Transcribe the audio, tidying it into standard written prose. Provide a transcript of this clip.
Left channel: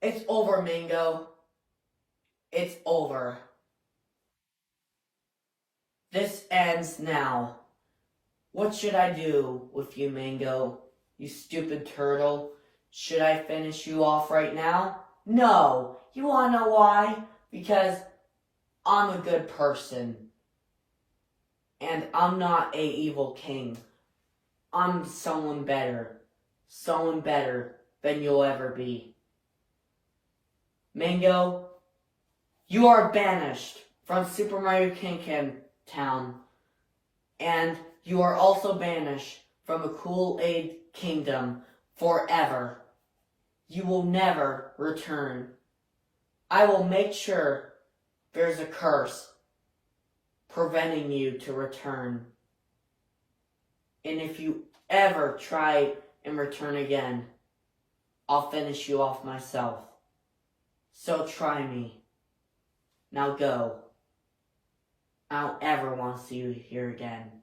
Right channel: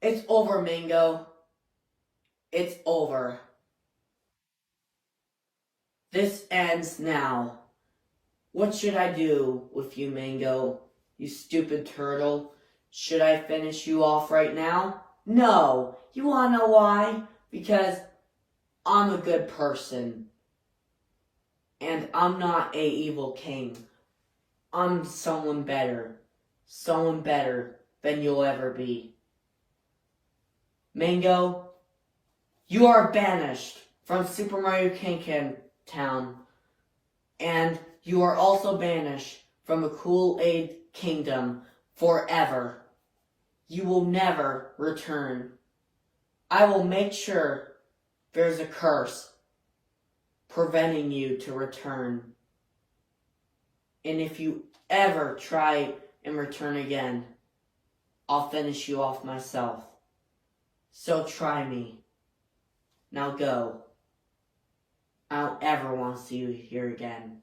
It's over, Mango. It's over. This ends now. What should I do with you, Mango? You stupid turtle. Should I finish you off right now? No. You wanna know why? Because I'm a good person. And I'm not a evil king. I'm someone better. Someone better than you'll ever be. Mango, you are banished from Super Mario King Town. And you are also banished from the Kool-Aid Kingdom forever. You will never return. I will make sure there's a curse preventing you to return. And if you ever try and return again, I'll finish you off myself. So try me. Now go. I don't ever want to see you here again.